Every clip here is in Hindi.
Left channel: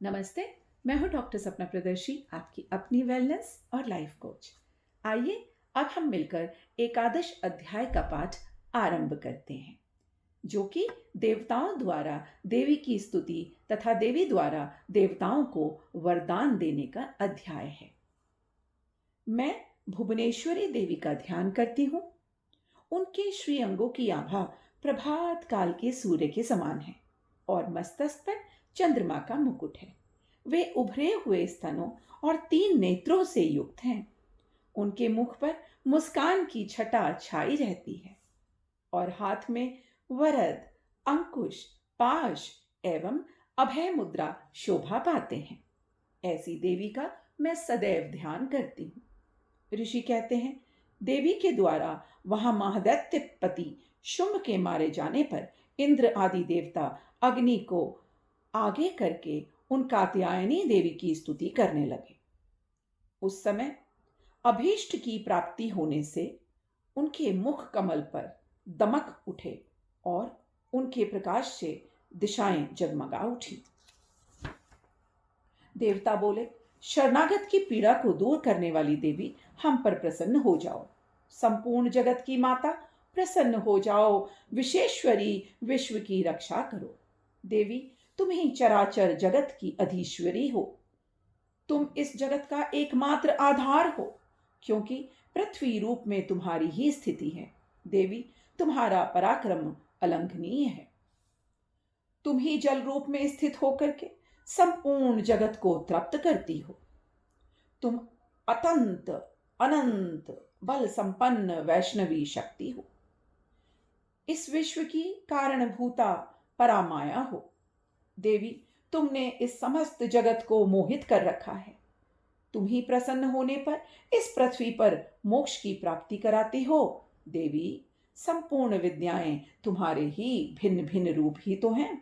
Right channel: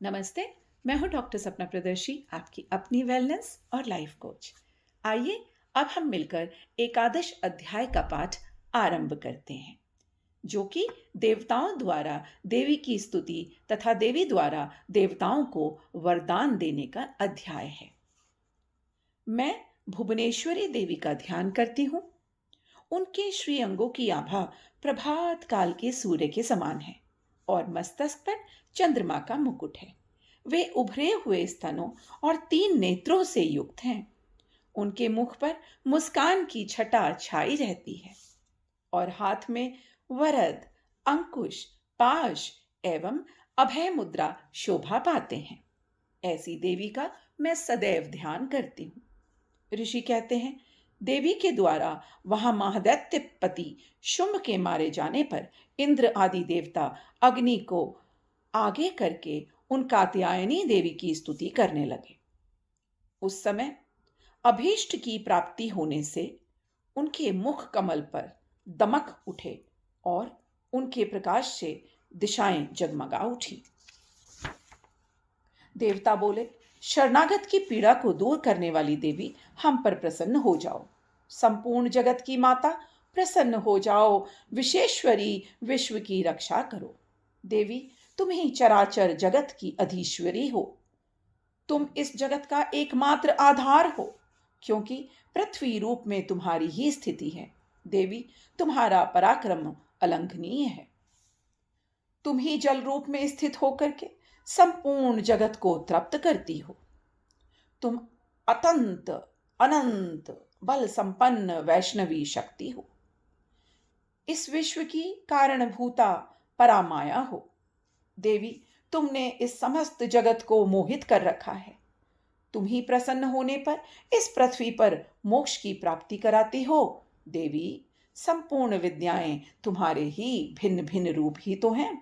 नमस्ते। मैं हूं डॉक्टर सपना प्रदर्शी, आपकी अपनी वेलनेस और लाइफ कोच। आइए अब हम मिलकर एकादश अध्याय का पाठ आरंभ करते हैं, जो कि देवताओं द्वारा देवी की स्तुति तथा देवी द्वारा देवताओं को वरदान देने का अध्याय है। मैं भुवनेश्वरी देवी का ध्यान करती हूँ। उनके श्री अंगों की आभा प्रभात काल के सूर्य के समान है और मस्तक पर चंद्रमा का मुकुट है। वे उभरे हुए स्तनों और 3 नेत्रों से युक्त हैं। उनके मुख पर मुस्कान की छटा छाई रहती है और हाथ में वरद, अंकुश, पाश एवं अभय मुद्रा शोभा पाते हैं। ऐसी देवी का मैं सदैव ध्यान करती हूँ। ऋषि कहते हैं, देवी के द्वारा वहां महादैत्य पति शुंभ के मारे जाने पर इंद्र आदि देवता अग्नि को आगे करके उन कात्यायनी देवी की स्तुति करने लगे। उस समय अभीष्ट की प्राप्ति होने से उनके मुख कमल पर दमक उठे और उनके प्रकाश से दिशाएं जगमगा उठी। देवता बोले, शरणागत की पीड़ा को दूर करने वाली देवी, हम पर प्रसन्न हो जाओ। संपूर्ण जगत की माता, प्रसन्न हो जाओ। विशेश्वरी, विश्व की रक्षा करो। देवी, तुम ही चराचर जगत की अधीश्वरी हो। तुम इस जगत का एकमात्र आधार हो, क्योंकि पृथ्वी रूप में तुम्हारी ही स्थिति है। देवी, तुम्हारा पराक्रम अलंघनीय है। तुम ही जल रूप में स्थित होकर के संपूर्ण जगत को तृप्त करती हो। तुम अतंत अनंत बल संपन्न वैष्णवी शक्ति हो। इस विश्व की कारणभूता परामाया हो। देवी, तुमने इस समस्त जगत को मोहित कर रखा है। तुम ही प्रसन्न होने पर इस पृथ्वी पर मोक्ष की प्राप्ति कराती हो। देवी, संपूर्ण विद्याएं तुम्हारे ही भिन्न भिन्न रूप ही तो हैं।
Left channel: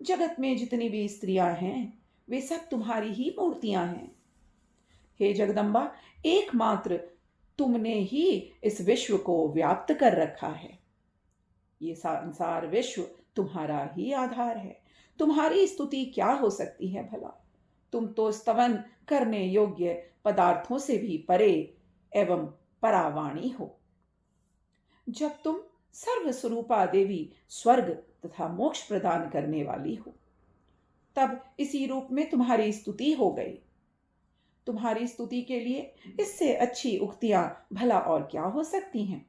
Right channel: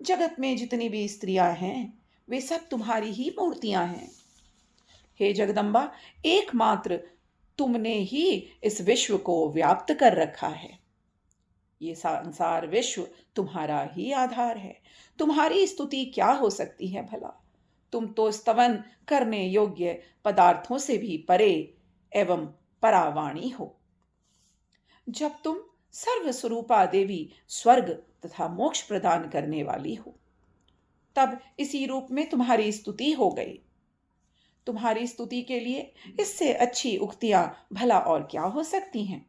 जगत में जितनी भी स्त्रियां हैं, वे सब तुम्हारी ही मूर्तियां हैं। हे जगदम्बा, एकमात्र तुमने ही इस विश्व को व्याप्त कर रखा है। ये संसार विश्व तुम्हारा ही आधार है। तुम्हारी स्तुति क्या हो सकती है भला? तुम तो स्तवन करने योग्य पदार्थों से भी परे एवं परावाणी हो। जब तुम सर्वस्वरूपा देवी स्वर्ग तथा मोक्ष प्रदान करने वाली हो, तब इसी रूप में तुम्हारी स्तुति हो गई। तुम्हारी स्तुति के लिए इससे अच्छी उक्तियां भला और क्या हो सकती हैं?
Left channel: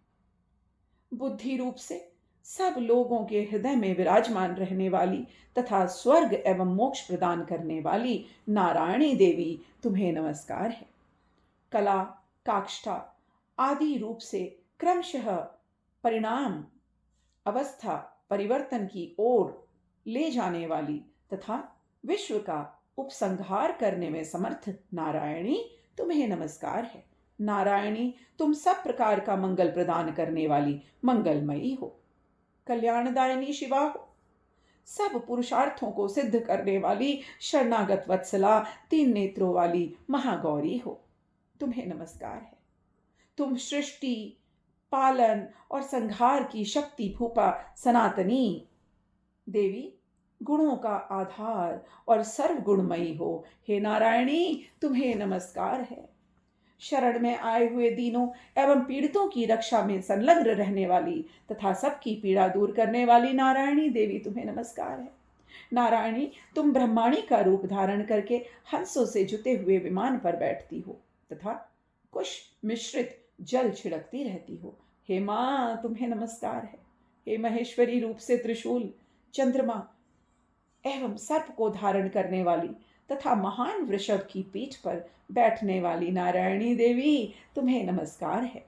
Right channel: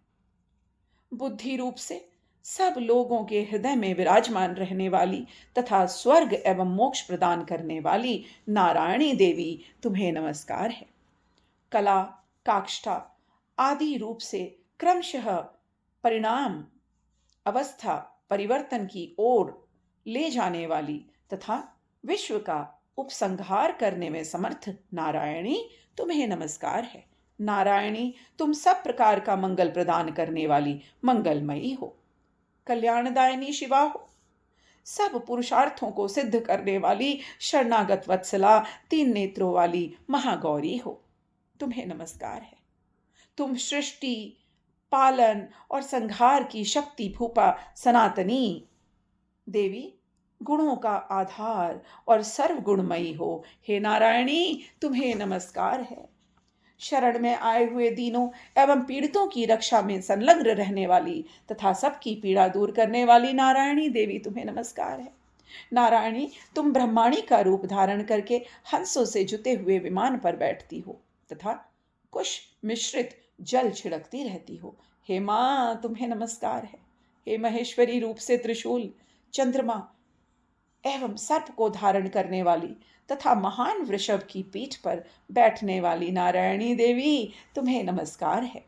बुद्धि रूप से सब लोगों के हृदय में विराजमान रहने वाली तथा स्वर्ग एवं मोक्ष प्रदान करने वाली नारायणी देवी, तुम्हें नमस्कार है। कला, काष्ठा आदि रूप से क्रमशः परिणाम अवस्था परिवर्तन की ओर ले जाने वाली तथा विश्व का उपसंहार करने में समर्थ नारायणी, तुम्हें नमस्कार है। नारायणी, तुम सब प्रकार का मंगल प्रदान करने वाली मंगलमयी हो। कल्याणदायिनी शिवा हो। सब पुरुषार्थों को सिद्ध करने वाली शरणागत वत्सला, 3 नेत्रों वाली महागौरी हो। तुम्हें नमस्कार है। तुम सृष्टि, पालन और संहार की शक्ति भूपा सनातनी देवी, गुणों का आधार और सर्वगुणमयी हो। हे नारायणी, तुम्हें नमस्कार है। शरण में आए हुए दीनों एवं पीड़ितों की रक्षा में संलग्न रहने वाली तथा सबकी पीड़ा दूर करने वाली नारायणी देवी, तुम्हें नमस्कार है। नारायणी, तुम ब्रह्माणी का रूप धारण करके हंसों से जुते हुए विमान पर बैठती हो तथा कुश मिश्रित जल छिड़कती रहती हो। हे मां, तुम्हें नमस्कार है। हे महेश्वरी रूप से त्रिशूल, चंद्रमा एवं सर्प को धारण करने वाली तथा महान वृषभ की पीठ पर बैठने वाली नारायणी देवी, तुम्हें नमस्कार है।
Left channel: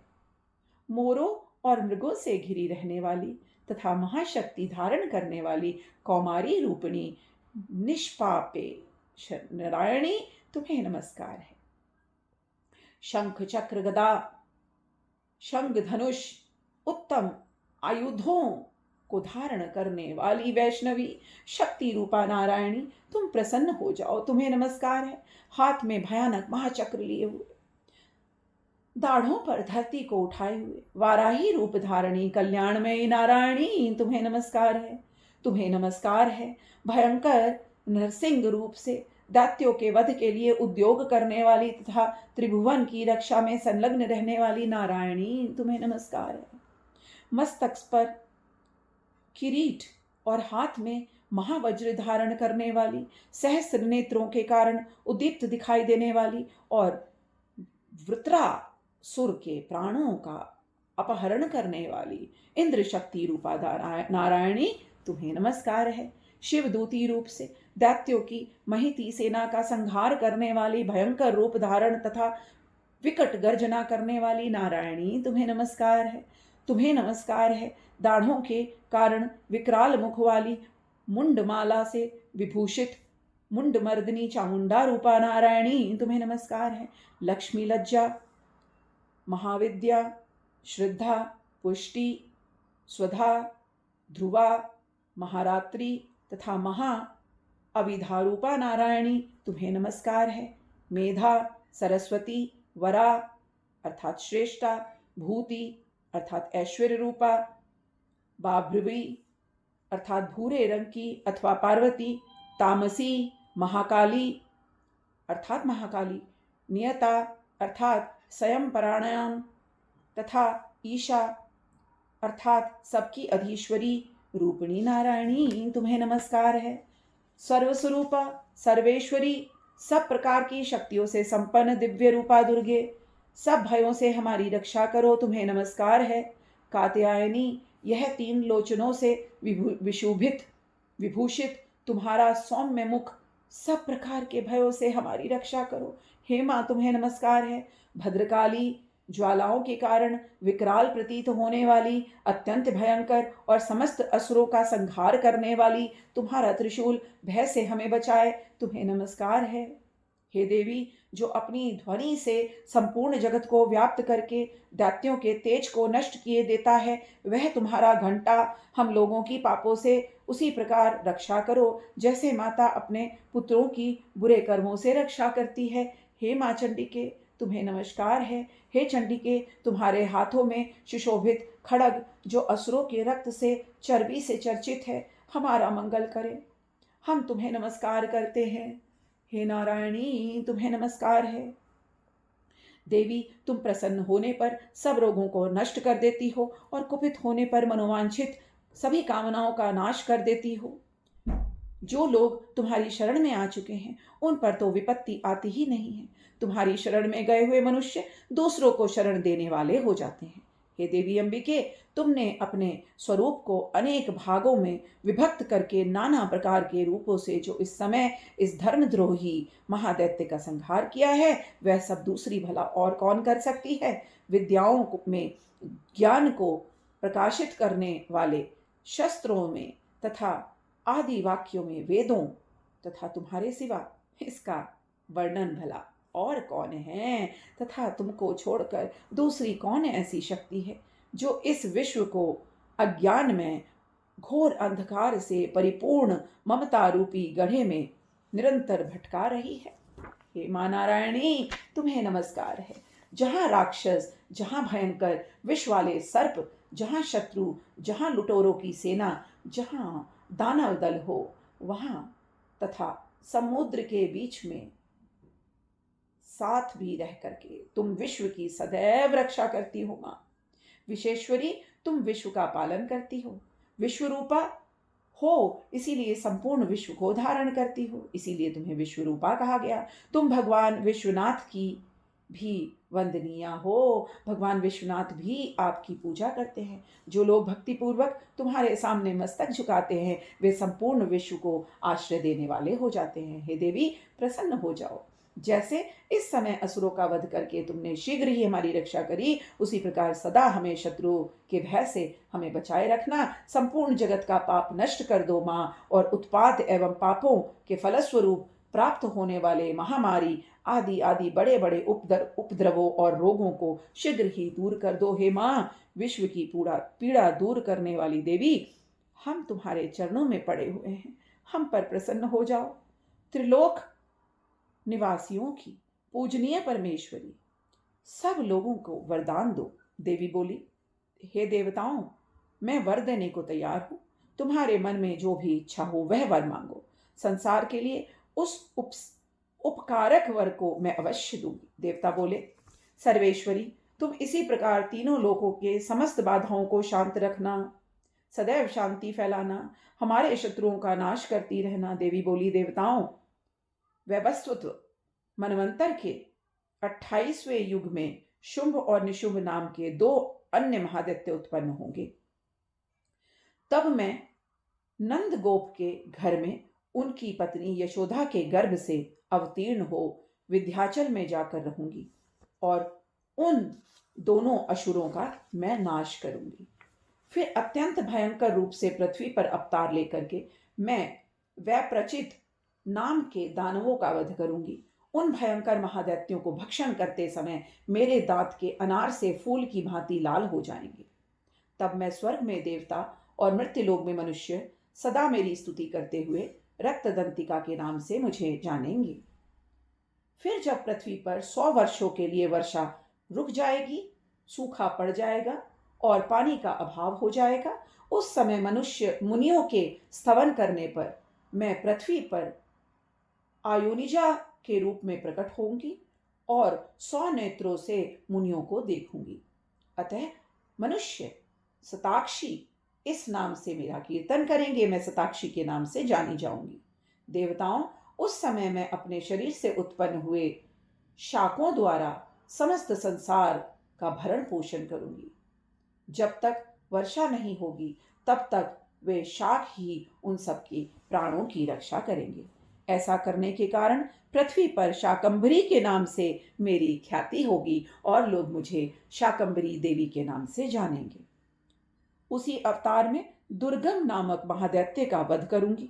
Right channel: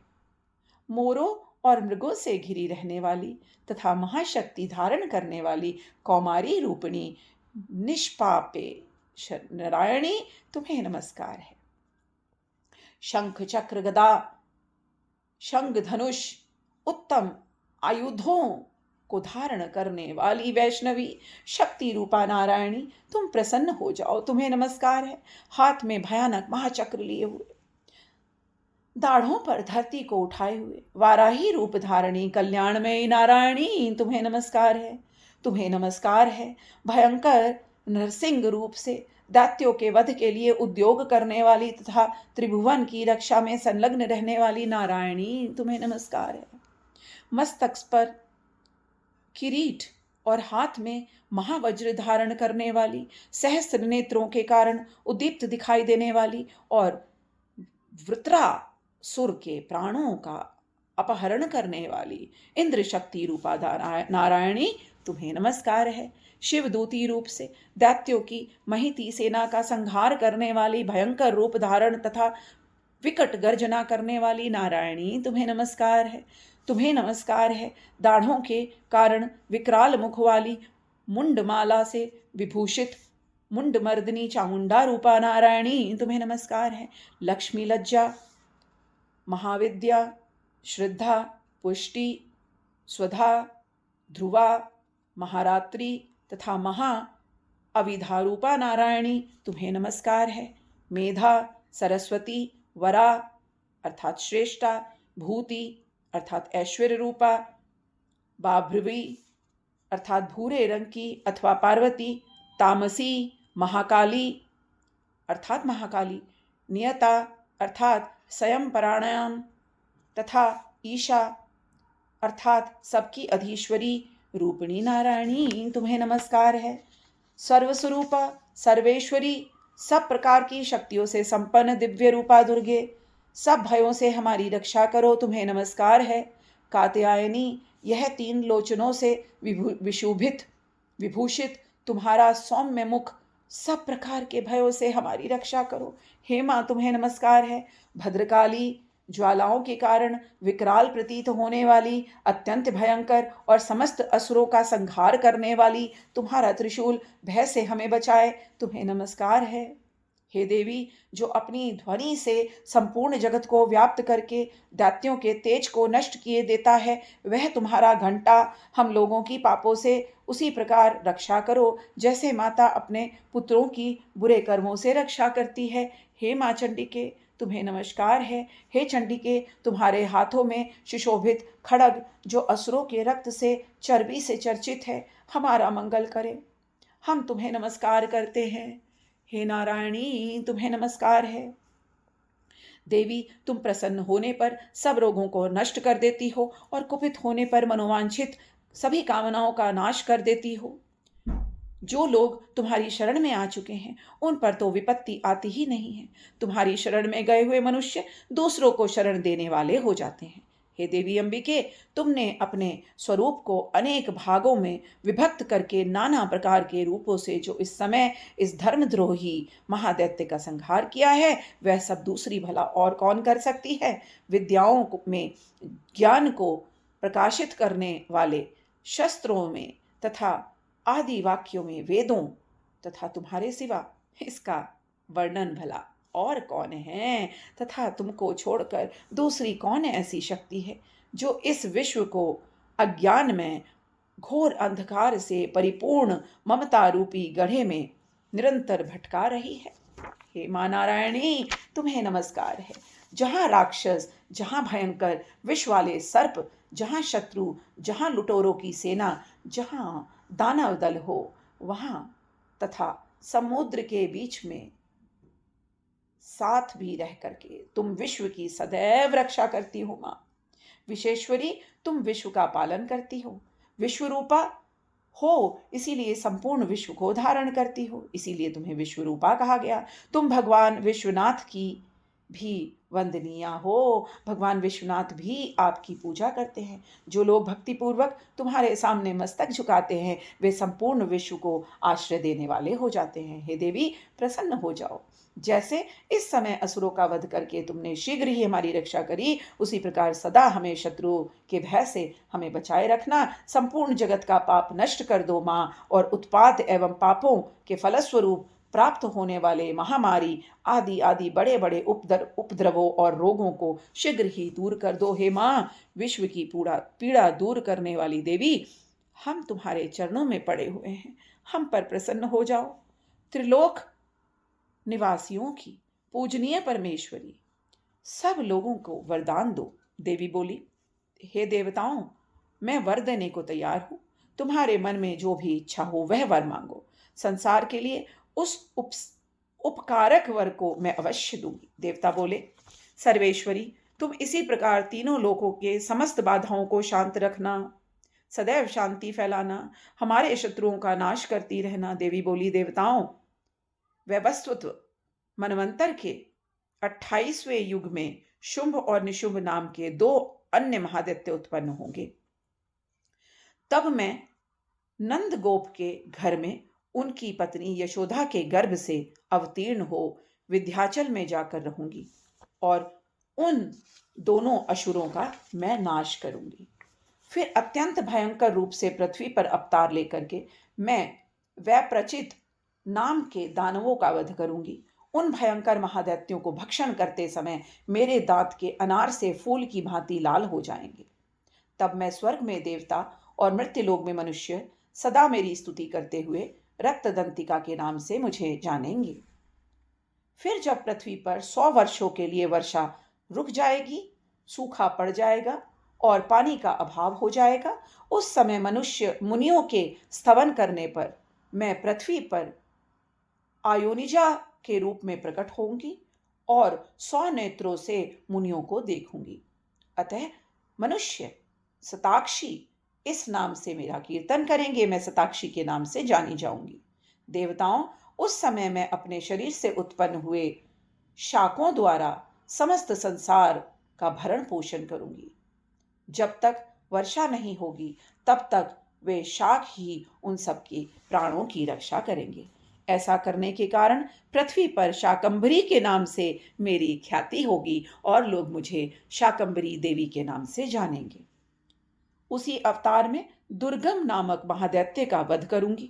मोरों और मृगों से घिरी रहने वाली तथा महाशक्ति धारण करने वाली कौमारी रूपिणी निष्पापे नारायणी, तुम्हें नमस्कार है। शंख चक्र गदा शंख धनुष उत्तम आयुधों को धारण करने वाली वैष्णवी शक्ति रूपा नारायणी, तुम प्रसन्न हो जाओ। तुम्हें नमस्कार है। हाथ में भयानक महाचक्र लिए हुए, दाढ़ों पर धरती को उठाए हुए वाराही रूप धारणी कल्याणमयी नारायणी, तुम्हें नमस्कार है। तुम्हें नमस्कार है। भयंकर नरसिंह रूप से दैत्यों के वध के लिए उद्योग करने वाली तथा त्रिभुवन की रक्षा में संलग्न रहने वाली नारायणी तुम्हें नमस्कार है। मस्तक पर किरीट और हाथ में महावज्र धारण करने वाली, सहस्र नेत्रों के कारण उद्दीप्त दिखाई देने वाली और वृत्रासुर के प्राणों का अपहरण करने वाली इंद्र शक्ति रूपा नारायणी तुम्हें नमस्कार है। शिवदूती रूप से दैत्यों की महिती सेना का संहार करने वाली भयंकर रूप धारण तथा विकट गर्जना करने वाली नारायणी तुम्हें नमस्कार है। तुम्हें नमस्कार है। दाढ़ों के कारण विकराल मुख वाली मुंडमाला से विभूषित मुंडमर्दिनी चामुंडा रूपा नारायणी तुम्हें नमस्कार है। लक्ष्मी लज्जा, महाविद्या, श्रद्धा, पुष्टि, स्वधा, ध्रुवा, महारात्रि तथा महा अविधा रूपा नारायणी तुम्हें नमस्कार है। मेधा, सरस्वती, वरा अर्थात श्रेष्ठा, भूति अर्थात ऐश्वर्य रूपा, बाभ्रवी अर्थात भूरे रंग की अथवा पार्वती, तामसी, महाकाली अर्थात महाकाली, नियता अर्थात स्वयं प्राणायाम तथा ईशा अर्थात सबकी अधीश्वरी रूपिणी नारायणी तुम्हें नमस्कार है। सर्वस्वरूपा, सर्वेश्वरी, सब प्रकार की शक्तियों से संपन्न दिव्य रूपा दुर्गे, सब भयों से हमारी रक्षा करो तुम्हें नमस्कार है। कात्यायनी, यह तीन लोचनों से विशोभित विभूषित तुम्हारा सौम्य मुख सब प्रकार के भयों से हमारी रक्षा करो। हे माँ तुम्हें नमस्कार है। भद्रकाली, ज्वालाओं के कारण विकराल प्रतीत होने वाली, अत्यंत भयंकर और समस्त असुरों का संहार करने वाली तुम्हारा त्रिशूल भय से हमें बचाए तुम्हें नमस्कार है। हे देवी, जो अपनी ध्वनि से संपूर्ण जगत को व्याप्त करके दैत्यों के तेज को नष्ट किए देता है, वह तुम्हारा घंटा हम लोगों की पापों से उसी प्रकार रक्षा करो जैसे माता अपने पुत्रों की बुरे कर्मों से रक्षा करती है। हे माँ चंडिके तुम्हें नमस्कार है। हे चंडिके, तुम्हारे हाथों में सुशोभित खड्ग जो असुरों के रक्त से चर्बी से चर्चित है, हमारा मंगल करे। हम तुम्हें नमस्कार करते हैं। हे नारायणी तुम्हें नमस्कार है। देवी, तुम प्रसन्न होने पर सब रोगों को नष्ट कर देती हो और कुपित होने पर मनोवांछित सभी कामनाओं का नाश कर देती हो। जो लोग तुम्हारी शरण में आ चुके हैं उन पर तो विपत्ति आती ही नहीं है। तुम्हारी शरण में गए हुए मनुष्य दूसरों को शरण देने वाले हो जाते हैं। हे देवी अंबिके, तुमने अपने स्वरूप को अनेक भागों में विभक्त करके नाना प्रकार के रूपों से जो इस समय इस धर्मद्रोही महादैत्य का संहार किया है, वह सब दूसरी भला और कौन कर सकती है। विद्याओं में ज्ञान को प्रकाशित करने वाले शस्त्रों में तथा आदि वाक्यों में वेदों तथा तुम्हारे सिवा इसका वर्णन भला और कौन है, तथा तुमको छोड़कर दूसरी कौन ऐसी शक्ति है जो इस विश्व को अज्ञान में घोर अंधकार से परिपूर्ण ममता रूपी गड्ढे में निरंतर भटका रही है। हे माँ नारायणी तुम्हें नमस्कार है। जहाँ राक्षस, जहाँ भयंकर विष वाले सर्प, जहाँ शत्रु, जहाँ लुटेरों की सेना, जहाँ दानव दल हो, वहां तथा समुद्र के बीच में साथ भी रह करके तुम विश्व की सदैव रक्षा करती हो। मां विशेश्वरी, तुम विश्व का पालन करती हो। विश्व रूपा हो, इसीलिए संपूर्ण विश्व को धारण करती हो, इसीलिए तुम्हें विश्व रूपा कहा गया। तुम भगवान विश्वनाथ की भी वंदनीय हो। भगवान विश्वनाथ भी आपकी पूजा करते हैं। जो लोग भक्तिपूर्वक तुम्हारे सामने मस्तक झुकाते हैं, वे संपूर्ण विश्व को आश्रय देने वाले हो जाते हैं। हे देवी, प्रसन्न हो जाओ। जैसे इस समय असुरों का वध करके तुमने शीघ्र ही हमारी रक्षा करी, उसी प्रकार सदा हमें शत्रुओं के भय से हमें बचाए रखना। संपूर्ण जगत का पाप नष्ट कर दो माँ, और उत्पात एवं पापों के फलस्वरूप प्राप्त होने वाले महामारी आदि आदि बड़े बड़े उपद्रवों और रोगों को शीघ्र ही दूर कर दो। हे माँ, विश्व की पीड़ा दूर करने वाली देवी, हम तुम्हारे चरणों में पड़े हुए हैं, हम पर प्रसन्न हो जाओ। त्रिलोक निवासियों की पूजनीय परमेश्वरी, सब लोगों को वरदान दो। देवी बोली, हे देवताओं, मैं वर देने को तैयार हूं। तुम्हारे मन में जो भी इच्छा हो वह वर मांगो। संसार के लिए उस उपकारक वर को मैं अवश्य दूंगी। देवता बोले, सर्वेश्वरी, तुम इसी प्रकार तीनों लोकों के समस्त बाधाओं को शांत रखना, सदैव शांति फैलाना, हमारे शत्रुओं का नाश करती रहना। देवी बोली, देवताओं, वैवस्वत मनवंतर के 28वें युग में शुंभ और निशुंभ नाम के 2 अन्य महादैत्य उत्पन्न होंगे। तब मैं नंद गोप के घर में उनकी पत्नी यशोदा के गर्भ से अवतीर्ण हो विंध्याचल में जाकर रहूंगी और उन दोनों असुरों का मैं नाश करूंगी। फिर अत्यंत भयंकर रूप से पृथ्वी पर अवतार लेकर के मैं वैप्रचित नाम के दानवों का वध करूंगी। उन भयंकर महादैत्यों को भक्षण करते समय मेरे दांत के अनार से फूल की भांति लाल हो जाएंगे। तब मैं स्वर्ग में देवता और मृत्युलोक में मनुष्य सदा मेरी स्तुति करते हुए रक्तदंतिका के नाम से मुझे जानेंगे। फिर जब पृथ्वी पर 100 वर्षों के लिए वर्षा रुक जाएगी, सूखा पड़ जाएगा और पानी का अभाव हो जाएगा, उस समय मनुष्य मुनियों के स्तवन करने पर मैं पृथ्वी पर आयोनिजा के रूप में प्रकट होंगी और 100 नेत्रों से मुनियों को देखूंगी। अतः मनुष्य शताक्षी इस नाम से मेरा कीर्तन करेंगे। मैं शताक्षी के नाम से जानी जाऊंगी। देवताओं, उस समय मैं अपने शरीर से उत्पन्न हुए शाकों द्वारा समस्त संसार का भरण पोषण करूंगी। जब तक वर्षा नहीं होगी तब तक वे शाक ही उन सबके प्राणों की रक्षा करेंगे। ऐसा करने के कारण पृथ्वी पर शाकंभरी के नाम से मेरी ख्याति होगी और लोग मुझे शाकंभरी देवी के नाम से जानेंगे। उसी अवतार में दुर्गम नामक महादैत्य का वध करूंगी।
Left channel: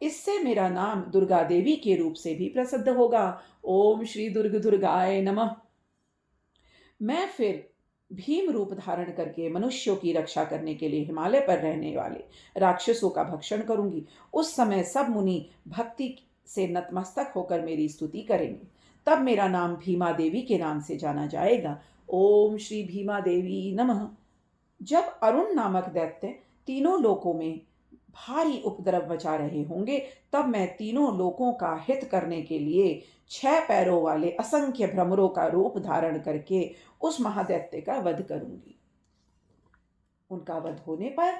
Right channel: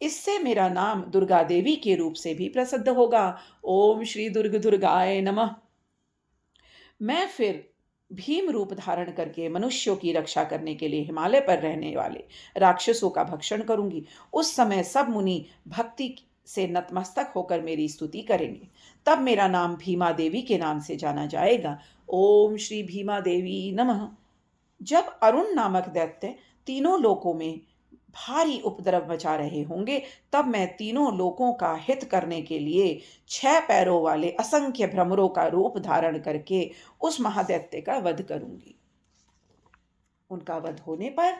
इससे मेरा नाम दुर्गा देवी के रूप से भी प्रसिद्ध होगा। ओम श्री दुर्ग दुर्गाय नमः। मैं फिर भीम रूप धारण करके मनुष्यों की रक्षा करने के लिए हिमालय पर रहने वाले राक्षसों का भक्षण करूंगी। उस समय सब मुनि भक्ति से नतमस्तक होकर मेरी स्तुति करेंगे। तब मेरा नाम भीमा देवी के नाम से जाना जाएगा। ओम श्री भीमा देवी नमः। जब अरुण नामक दैत्य तीनों लोकों में भारी उपद्रव मचा रहे होंगे, तब मैं तीनों लोकों का हित करने के लिए 6 पैरों वाले असंख्य भ्रमरों का रूप धारण करके उस महादैत्य का वध करूंगी। उनका वध होने पर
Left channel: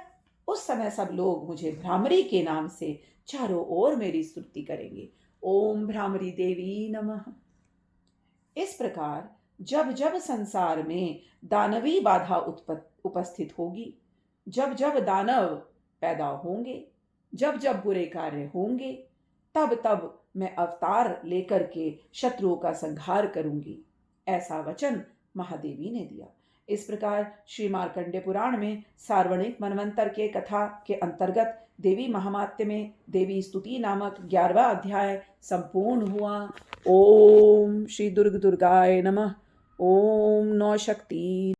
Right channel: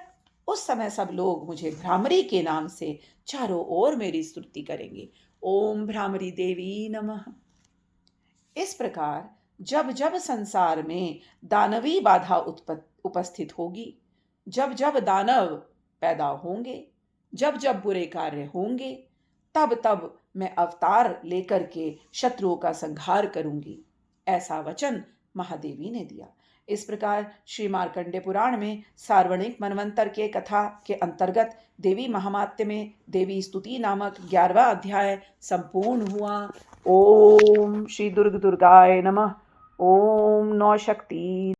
उस समय सब लोग मुझे भ्रामरी के नाम से चारों ओर मेरी स्तुति करेंगे। ओम भ्रामरी देवी नमः। इस प्रकार जब जब संसार में दानवी बाधा उपस्थित होगी, जब जब दानव पैदा होंगे, जब जब बुरे कार्य होंगे, तब तब मैं अवतार लेकर के शत्रुओं का संहार करूंगी। ऐसा वचन महादेवी ने दिया। इस प्रकार श्री मार्कंडेय पुराण में सार्वणिक मनवंतर के कथा के अंतर्गत देवी महात्म्य में देवी स्तुति नामक 11वां अध्याय संपूर्ण हुआ। ओम श्री दुर्ग दुर्गाय नमः। ओम नौ शक्ति